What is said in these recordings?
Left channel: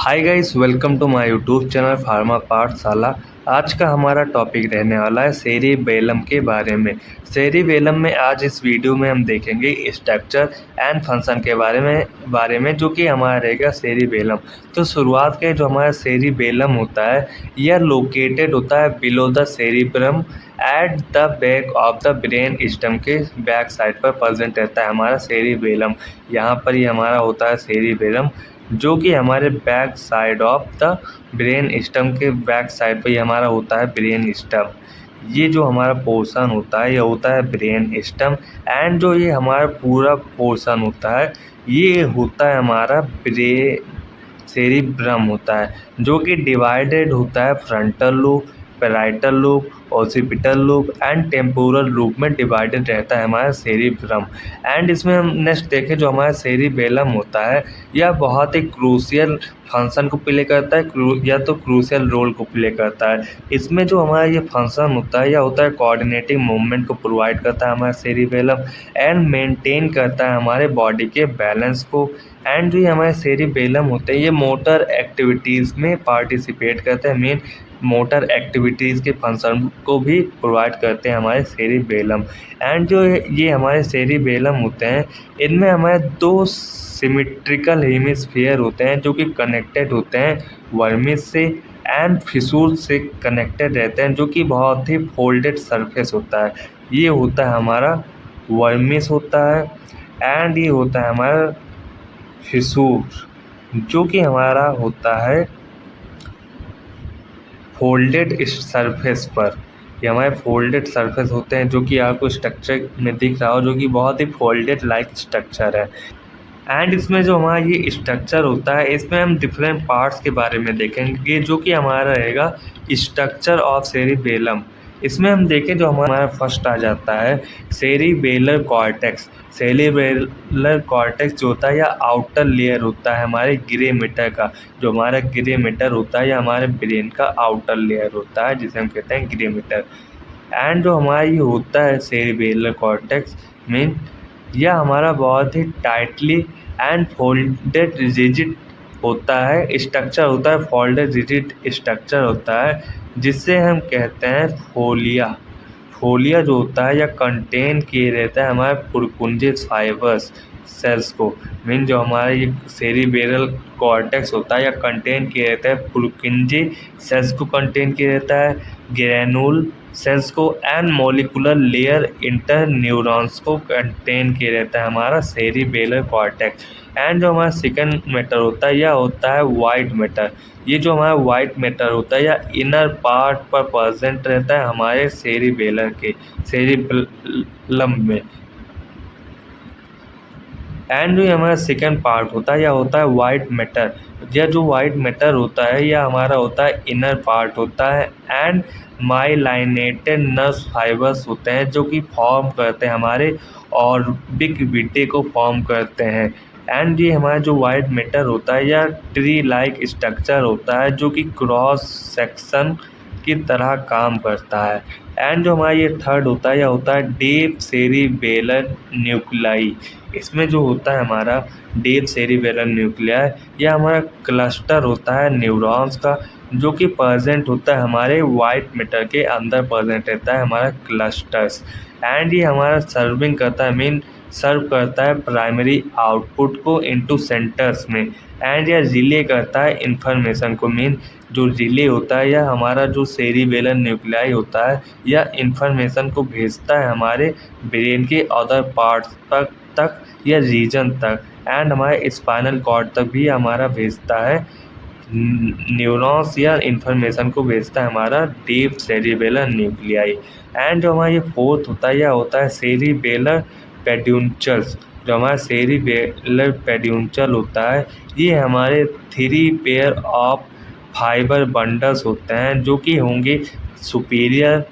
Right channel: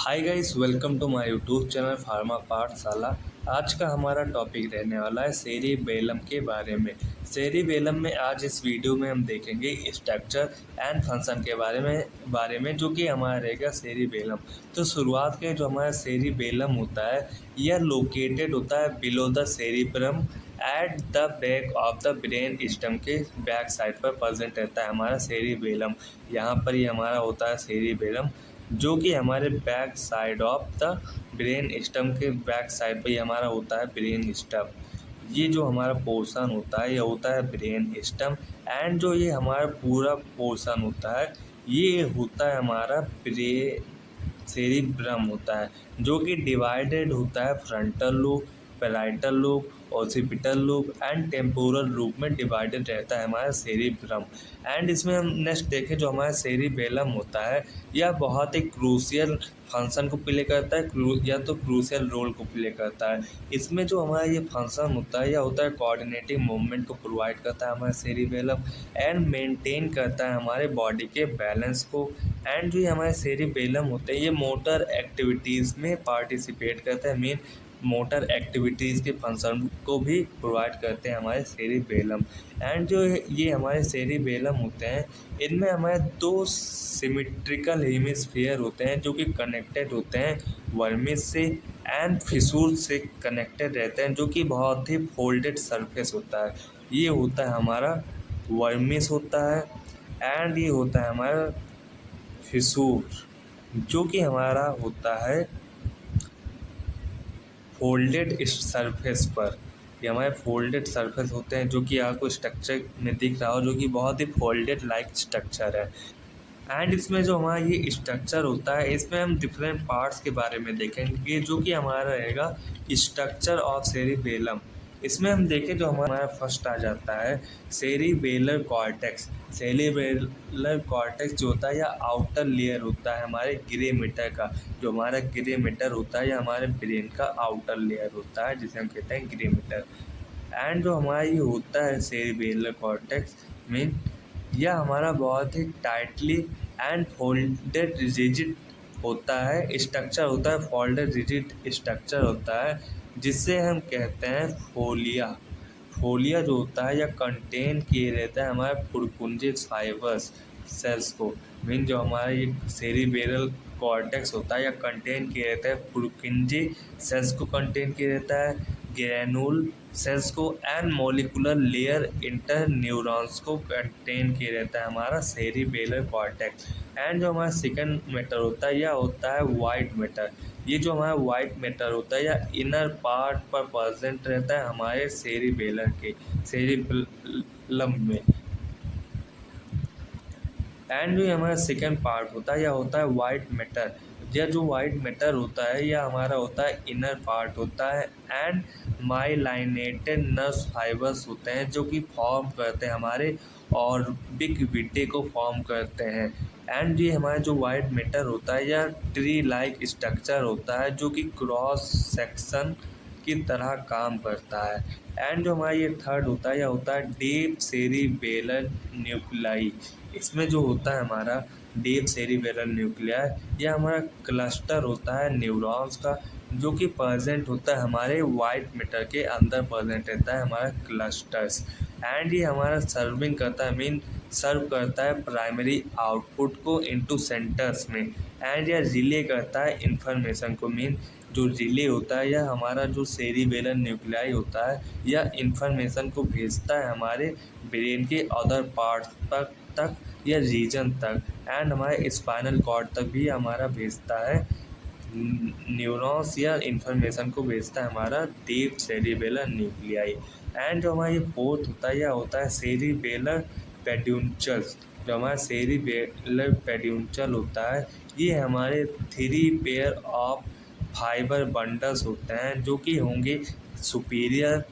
Hi guys, welcome to my YouTube channel Pharma Pathshala. आज का हमारा टॉपिक रहने वाला है सेरिबेलम के बारे में। सेरिबेलम में आज इस वीडियो में हम देखेंगे स्ट्रक्चर एंड फंक्शन के बारे में जो कि हमारा रहेगा सेरिबेलम। तो शुरुआत के जो हमारा सेरिबेलम होता है यह लोकेटेड होता है below the cerebrum at the back of the brain stem के बैक साइड पर प्रेजेंट रहता है हमारा सेरिबेलम। यहाँ पर ही हमारा होता है सेरिबेलम जो कि हमारे back side of the brain stem के बैक साइड पर ही हमारा होता है ब्रेन स्टेम। ये जो हमारा पोर्शन होता है यह होता है ब्रेन स्टेम एंड जो ये हमारा पूरा पोर्शन होता है ये होता है हमारा सेरिब्रम होता है जो कि डिवाइडेड होता है frontal lobe, parietal lobe, occipital lobe and temporal lobe में डिवाइडेड रहता है हमारा सेरिब्रम। एंड इसमें हम नेक्स्ट देखें जो हमारा सेरिबेलम होता है यह बहुत ही क्रूशियल फंक्शन को प्ले करता है या तो क्रूशियल रोल को प्ले करता है। इसमें जो हमारा ये फंक्शन होता है यह होता है कोऑर्डिनेटिंग मूवमेंट को प्रोवाइड करता है हमारा सेरिबेलम एंड मेंटेन करता है हमारे बॉडी के बैलेंस को। एंड जो ये हमारे सेरिबेलम होते हैं ये मोटर एक्टिविटीज़ में पार्टिसिपेट करते हैं, मेन मोटर एक्टिविटीज़ के फंक्शन को भी प्रोवाइड करते हैं हमारे सेरिबेलम। एंड जो ये हमारे सेरिबेलम होते हैं इनमें हमारे दो सिमेट्रिकल हेमिस्फीयर होते हैं जो कि कनेक्टेड होते हैं वर्मिस से एंड फिसूर से कनेक्टेड रहते हैं जो कि बहुत ही फोल्डेड सरफेस होता है। ये होता है हमारा वर्मिस होता है एंड ये होता है हमारा फिसूर जो कि हमारा होता है फोल्डेड सरफेस पर। ये हमारे फोल्डेड सरफेस होते हैं जो कि आपको स्ट्रक्चर में दिख रहा हो जो कि बहुत ही फोल्डेड लाइक स्ट्रक्चर है। एंड इसमें जो हमारा ये स्ट्रक्चर होता है इसमें हम डिफरेंट पार्ट्स के बारे में देखेंगे जो कि हमारा रहेगा स्ट्रक्चर ऑफ सेरिबेलम। इसमें हम देखें जो हमारा फर्स्ट आ जाता है सेरिबेलर कॉर्टेक्स। सेरिबेलर कॉर्टेक्स जो होता है या आउटर लेयर होता है हमारे ग्रे मैटर का। जो हमारा ग्रे मैटर होता है या हमारे ब्रेन का आउटर लेयर होता है जिसे हम कहते हैं ग्रे मैटर। एंड जो हमारा ये होता है सेरिबेलर कॉर्टेक्स मीन यह हमारा बहुत ही टाइटली एंड फोल्डेड रिजिड होता है, स्ट्रक्चर होता है, फोल्डेड रिजिड स्ट्रक्चर होता है जिससे हम कहते हैं फोलिया। फोलिया जो होता है या कंटेन किए रहता है हमारे पुरकुंजे फाइबर्स सेल्स को। मीन जो हमारा ये सेरिबेरल कॉर्टेक्स होता है या कंटेन किए रहता है पुरकुंजे सेल्स को कंटेन किए रहता है, ग्रेनुल सेल्स को and molecular layer inter neurons को कंटेन किए रहता है हमारा सेरिबेलर कॉर्टेक्स। एंड जो हमारा सेकंड मैटर होता है यह होता है वाइट मैटर। ये जो हमारा वाइट मैटर होता है या इनर पार्ट पर प्रेजेंट रहता है हमारे सेरिबेलर के सेरिबेलम में। एंड जो हमारा सेकंड पार्ट होता है यह होता है वाइट मैटर। यह जो वाइट मैटर होता है यह हमारा होता है इनर पार्ट होता है एंड माइलाइनेटेड नर्व फाइबर्स होते हैं जो कि फॉर्म करते हैं हमारे और बिग विटे को फॉर्म करते हैं। एंड ये हमारा जो वाइट मैटर होता है यह ट्री लाइक स्ट्रक्चर होता है जो कि क्रॉस सेक्शन की तरह काम करता है। एंड जो हमारा ये थर्ड होता है यह होता है डीप सेरिबेलर न्यूक्लाई। इसमें जो होता है हमारा डीप सेरिबेलर न्यूक्लियर यह हमारा क्लस्टर होता है न्यूरॉन्स का जो कि प्रेजेंट होता है हमारे वाइट मैटर के अंदर प्रेजेंट रहता है हमारा क्लस्टर्स। एंड ये हमारा सर्विंग करता है मीन सर्व करता है प्राइमरी आउटपुट को इनटू सेंटर्स में। एंड यह रिले करता है इंफॉर्मेशन को मीन जो रिले होता है या हमारा जो सेरिबेलर न्यूक्लियाई होता है यह इंफॉर्मेशन को भेजता है हमारे ब्रेन के अदर पार्ट्स तक या रीजन तक एंड हमारे स्पाइनल कॉर्ड तक भी हमारा भेजता है। न्यूरॉन्स या इंफॉर्मेशन को भेजता है हमारा डीप सेरिबेलर न्यूक्लियाई। एंड जो हमारा ये फोर्थ होता है यह होता है सेरिबेलर पेड्यूंचल्स। जो हमारा सेरिबेलर पेड्यूंचल होता है ये हमारे 3 पेयर ऑफ फाइबर बंडल्स होते हैं जो कि होंगे सुपीरियर,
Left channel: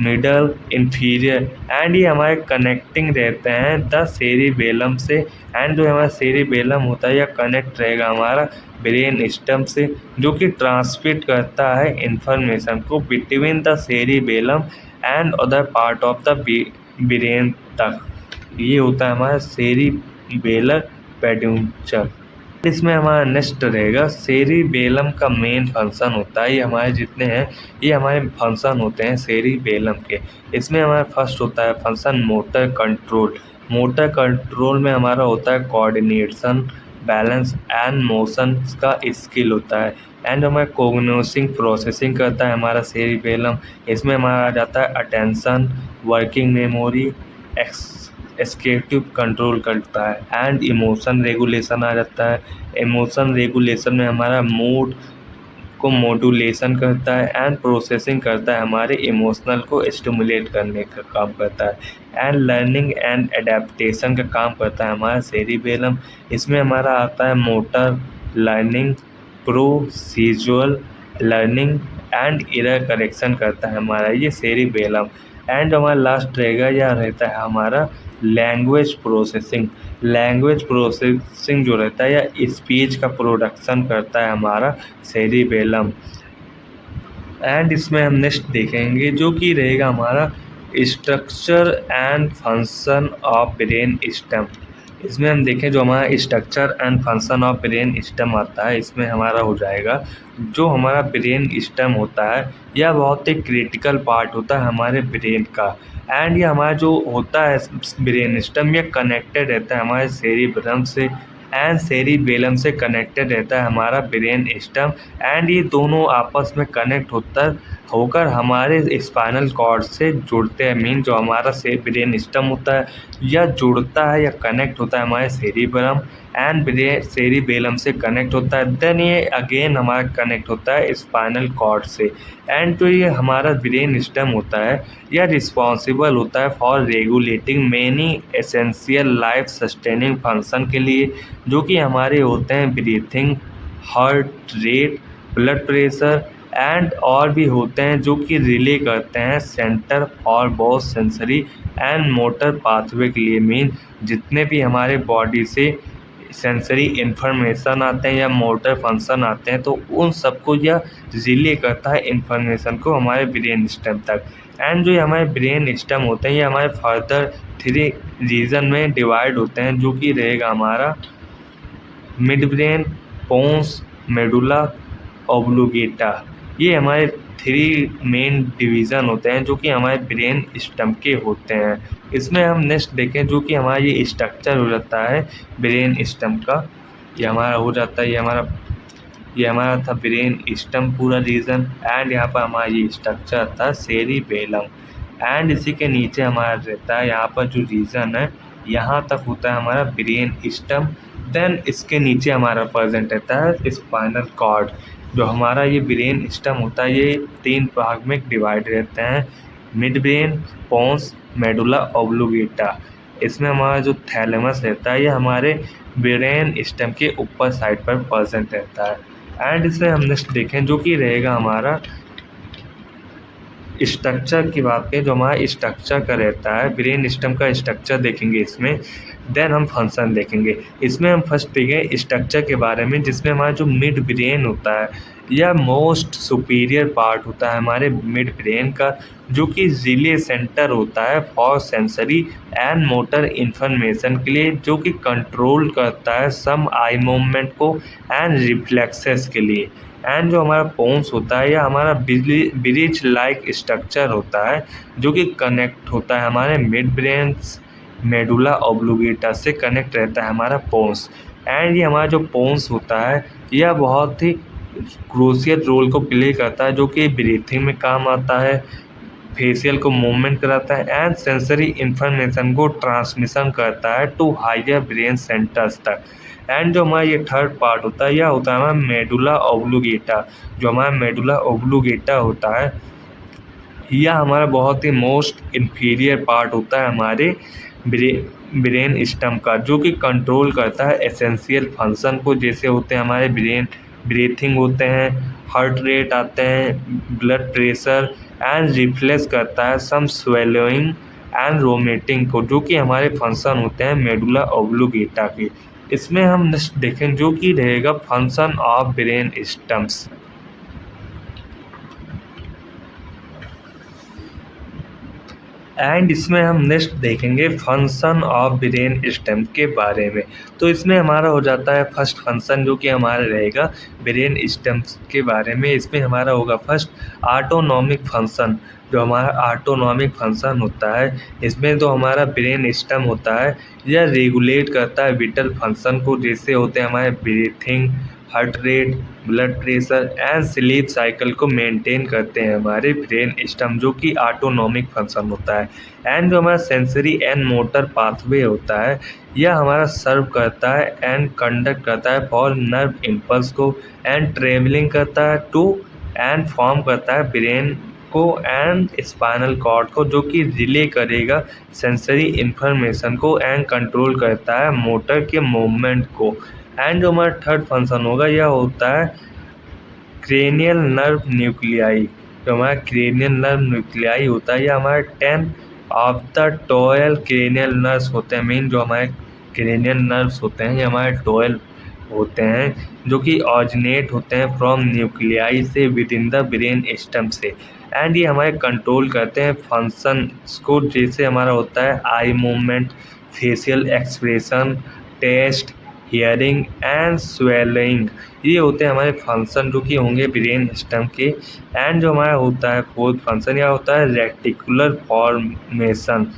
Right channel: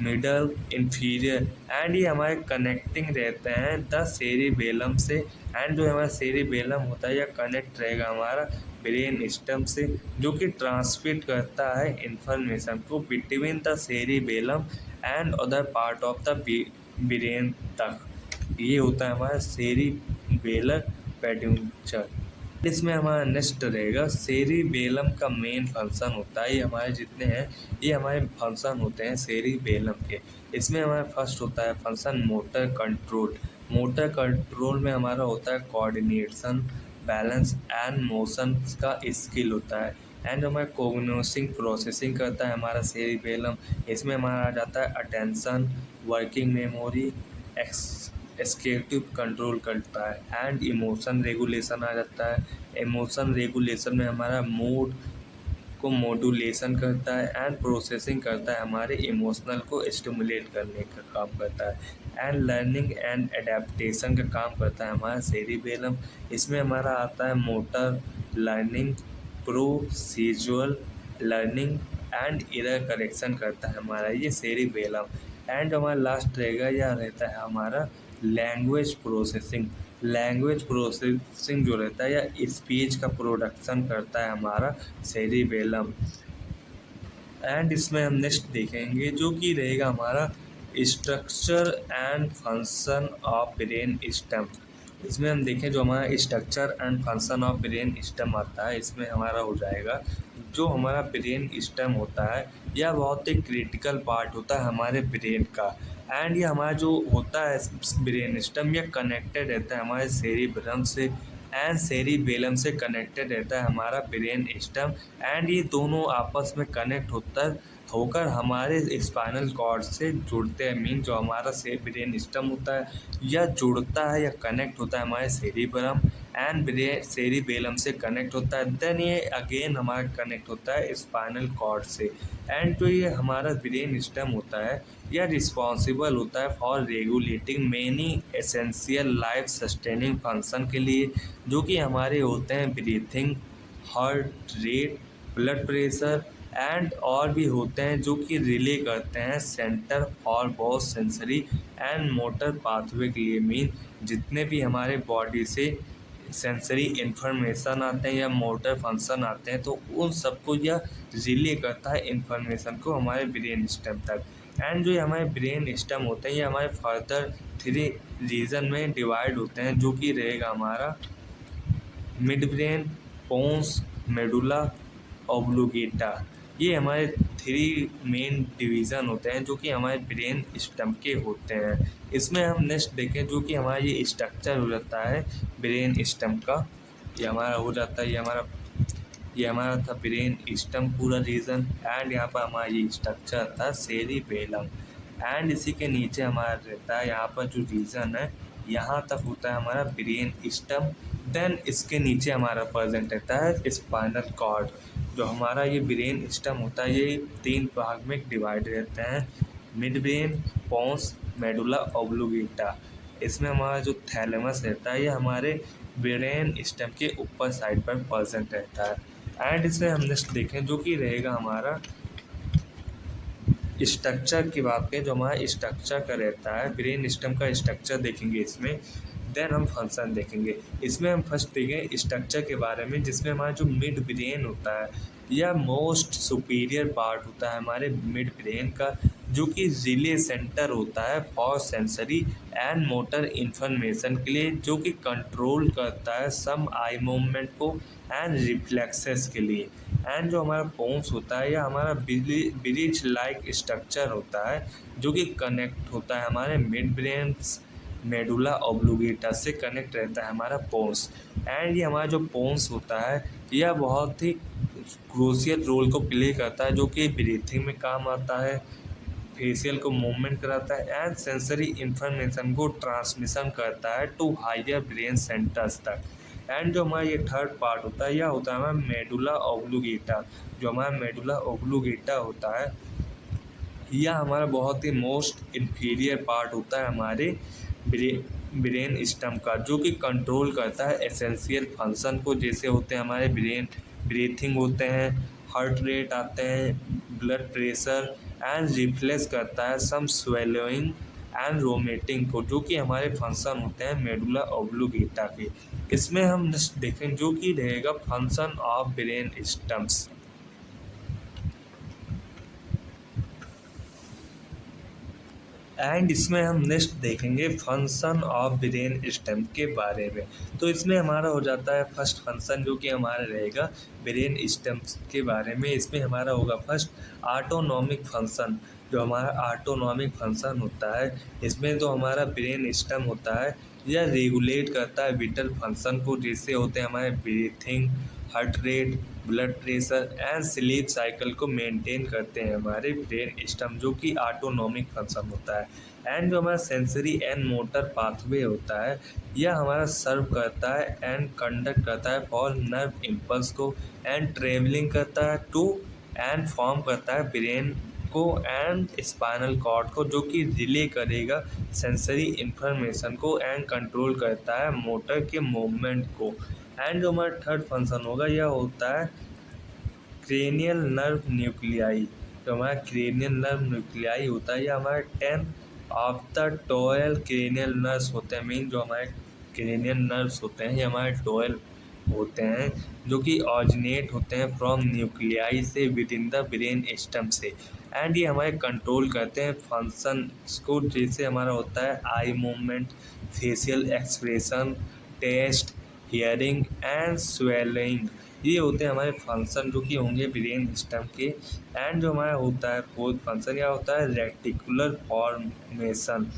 मिडल, इंफीरियर। एंड ये हमारे कनेक्टिंग रहते हैं द सेरिबेलम से। एंड जो हमारा सेरिबेलम होता है यह कनेक्ट रहेगा हमारा ब्रेन स्टेम से जो कि ट्रांसमिट करता है इंफॉर्मेशन को between the cerebellum and other part of the brain तक। ये होता है हमारा सेरिबेलर पेड्यूंचल। इसमें हमारा नेक्स्ट रहेगा सेरिबेलम का मेन फंक्शन होता है, ये हमारे जितने हैं ये हमारे फंक्शन होते हैं सेरिबेलम के। इसमें हमारा फर्स्ट होता है function motor control. Motor control में हमारा होता है कोऑर्डिनेशन, बैलेंस एंड मोशन का स्किल होता है। एंड हमारा कोग्निसिंग प्रोसेसिंग करता है हमारा सेरिबेलम। इसमें हमारा आ जाता है attention, working memory, executive control करता है एंड इमोशन रेगुलेशन आ जाता है। इमोशन रेगुलेशन में हमारा मूड को मॉड्यूलेशन करता है एंड प्रोसेसिंग करता है, हमारे इमोशनल को स्टिमुलेट करने का काम करता है एंड लर्निंग एंड एडेप्टेशन का काम करता है हमारा सेरिबेलम। इसमें हमारा आता है motor learning, procedural learning and error correction करता है हमारा ये सेरिबेलम। एंड हमारा लास्ट रहेगा या रहता है हमारा लैंग्वेज प्रोसेसिंग। लैंग्वेज प्रोसेसिंग जो रहता है या स्पीच का प्रोडक्शन करता है हमारा सेरिबेलम। एंड इसमें हम नेक्स्ट देखेंगे जो कि रहेगा हमारा structure and function of brain stem. इसमें हम देखें जो हमारा structure and function of brain stem आता है, इसमें हमारा हो जाएगा जो हमारा ब्रेन स्टेम होता है यह बहुत ही क्रिटिकल पार्ट होता है हमारे ब्रेन का। एंड ये हमारा जो होता है ब्रेन स्टेम ये कनेक्टेड रहता है हमारे सेरिब्रम से एंड सेरिबेलम से कनेक्टेड रहता है हमारा ब्रेन स्टेम। एंड ये दोनों आपस में कनेक्ट होकर हमारे स्पाइनल कॉर्ड से जुड़ते हैं। मीन जो हमारा ब्रेन स्टेम होता है या जुड़ता है या कनेक्ट होता है हमारे सेरिब्रम एंड ब्रेन सेरिबेलम से कनेक्ट होता है। देन ये अगेन हमारा कनेक्ट होता है स्पाइनल कॉर्ड से। एंड तो ये हमारा ब्रेन स्टेम होता है यह रिस्पॉन्सिबल होता है for regulating many essential life sustaining function के लिए, जो कि हमारे होते हैं breathing, heart rate, blood pressure and और भी होते हैं जो कि रिले करते हैं centre for both sensory and motor pathway के लिए। मीन जितने भी हमारे बॉडी से सेंसरी इन्फॉर्मेशन आते हैं या मोटर फंक्शन आते हैं तो उन सबको यह रिले करता है इन्फॉर्मेशन को हमारे ब्रेन स्टेम तक। एंड जो ये हमारे ब्रेन स्टेम होते हैं ये हमारे फर्दर 3 रीजन में डिवाइड होते हैं, जो कि रहेगा हमारा मिड ब्रेन, पोन्स, मेडुला ऑब्लिगेटा। ये हमारे 3 मेन डिवीज़न होते हैं जो कि हमारे ब्रेन स्टेम के होते हैं। इसमें हम नेक्स्ट देखें जो कि हमारा ये स्ट्रक्चर हो जाता है ब्रेन स्टेम का। ये हमारा हो जाता है ये हमारा था ब्रेन स्टेम पूरा रीजन। एंड यहाँ पर हमारा ये स्ट्रक्चर था सेरिबेलम। एंड इसी के नीचे हमारा रहता है यहाँ पर जो रीजन है यहाँ तक होता है हमारा ब्रेन स्टेम। देन इसके नीचे हमारा प्रेजेंट रहता है स्पाइनल कॉर्ड। जो हमारा ये ब्रेन स्टेम होता है ये 3 भाग में डिवाइड रहते हैं, मिड ब्रेन, पोन्स, मेडुला ऑब्लिगेटा। इसमें हमारा जो थैलेमस रहता है ये हमारे ब्रेन स्टेम के ऊपर साइड पर प्रेजेंट रहता है। एंड इसे हम नेक्स्ट देखें जो कि रहेगा हमारा स्ट्रक्चर की बात करें। जो हमारा स्ट्रक्चर का रहता है ब्रेन स्टेम का स्ट्रक्चर देखेंगे इसमें, देन हम फंक्शन देखेंगे। इसमें हम फर्स्ट देखेंगे स्ट्रक्चर के बारे में, जिसमें हमारा जो मिड ब्रेन होता है यह मोस्ट सुपीरियर पार्ट होता है हमारे मिड ब्रेन का, जो कि रिले सेंटर होता है for sensory and motor information के लिए, जो कि कंट्रोल करता है सम आई मूवमेंट को एंड रिफ्लेक्सेस के लिए। एंड जो हमारा पोन्स होता है यह हमारा ब्रिज लाइक स्ट्रक्चर होता है जो कि कनेक्ट होता है हमारे मिड ब्रेन मेडुला ऑब्लिगेटा से कनेक्ट रहता है हमारा पोन्स। एंड ये हमारा जो पोन्स होता है यह बहुत ही क्रूशियल रोल को प्ले करता है, जो कि ब्रीथिंग में काम आता है, फेशियल को मूवमेंट कराता है एंड सेंसरी इन्फॉर्मेशन को ट्रांसमिशन करता है टू हायर ब्रेन सेंटर्स तक। एंड जो हमारा ये थर्ड पार्ट होता है यह होता है हमारा मेडुला ऑब्लिगेटा। जो हमारा मेडुला ऑब्लिगेटा होता है यह हमारा बहुत ही मोस्ट इन्फीरियर पार्ट होता है हमारे ब्रेन स्टेम का, जो कि कंट्रोल करता है एसेंशियल फंक्शन को, जैसे होते हैं हमारे ब्रेन ब्रीथिंग होते हैं, हार्ट रेट आते हैं, ब्लड प्रेशर एंड रिफ्लेक्स करता है सम स्वेलोइंग एंड रोमेटिंग को, जो कि हमारे फंक्शन होते हैं मेडुला ऑब्लिगेटा के। इसमें हम नेक्स्ट देखें जो कि रहेगा function of brain stems. And इसमें हम नेक्स्ट देखेंगे फंक्शन ऑफ ब्रेन स्टेम के बारे में। तो इसमें हमारा हो जाता है फर्स्ट फंक्शन जो कि हमारा रहेगा ब्रेन स्टेम के बारे में। इसमें हमारा होगा फर्स्ट ऑटोनॉमिक फंक्शन। जो हमारा ऑटोनॉमिक फंक्शन होता है इसमें तो हमारा ब्रेन स्टेम होता है, यह रेगुलेट करता है विटल फंक्शन को, जैसे होते हैं हमारे breathing, heart rate, blood pressure and sleep cycle को मेंटेन करते हैं हमारे ब्रेन स्टेम, जो कि ऑटोनॉमिक फंक्शन होता है। एंड जो हमारा सेंसरी एंड मोटर पाथवे होता है यह हमारा सर्व करता है एंड कंडक्ट करता है फॉर नर्व इम्पल्स को, एंड ट्रेवलिंग करता है टू एंड फॉर्म करता है ब्रेन को एंड स्पाइनल कॉर्ड को, जो कि रिले करेगा सेंसरी इंफॉर्मेशन को एंड कंट्रोल करता है मोटर के मूवमेंट को। एंड जो हमारा थर्ड फंक्शन होगा यह होता है क्रेनियल नर्व न्यूक्लियाई। जो हमारा क्रेनियल नर्व न्यूक्लियाई होता है यह हमारे 10 ऑफ द 12 क्रेनियल नर्व्स होते हैं। मेन जो हमारे क्रेनियल नर्व्स होते हैं ये हमारे 12 होते हैं, जो कि ऑरिजिनेट होते हैं फ्रॉम न्यूक्लियाई से with in the brain stem से। एंड ये हमारे कंट्रोल करते हैं फंक्शंस को, जैसे हमारा होता है eye movement, facial expression, taste, hearing and swallowing. ये होते हैं हमारे फंक्शन जो कि होंगे ब्रेन स्टेम के। एंड जो हमारा होता है फोर्थ फंक्शन यह होता है रेटिकुलर फॉर्मेशन।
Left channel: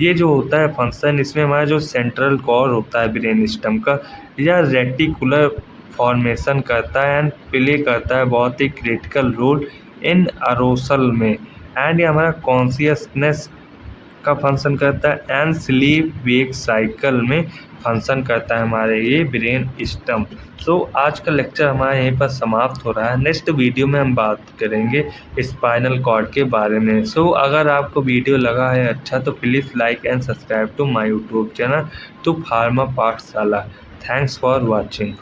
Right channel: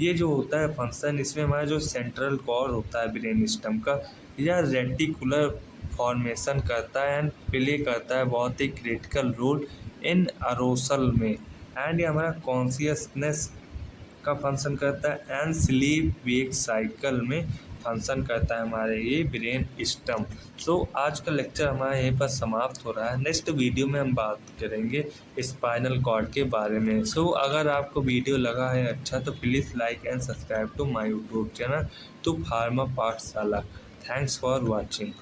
ये जो होता है फंक्शन इसमें हमारा जो सेंट्रल कॉर होता है ब्रेन स्टेम का यह रेटिकुलर फॉर्मेशन करता है एंड प्ले करता है बहुत ही क्रिटिकल रोल इन अरोसल में। एंड ये हमारा कॉन्शियसनेस का फंक्शन करता है एंड स्लीप वेक साइकिल में फंक्शन करता है हमारे ये ब्रेन स्टेम। सो आज का लेक्चर हमारा यहीं पर समाप्त हो रहा है। नेक्स्ट वीडियो में हम बात करेंगे स्पाइनल कॉर्ड के बारे में। सो अगर आपको वीडियो लगा है अच्छा तो please like and subscribe to my YouTube channel तो Pharma Pathshala. Thanks for watching.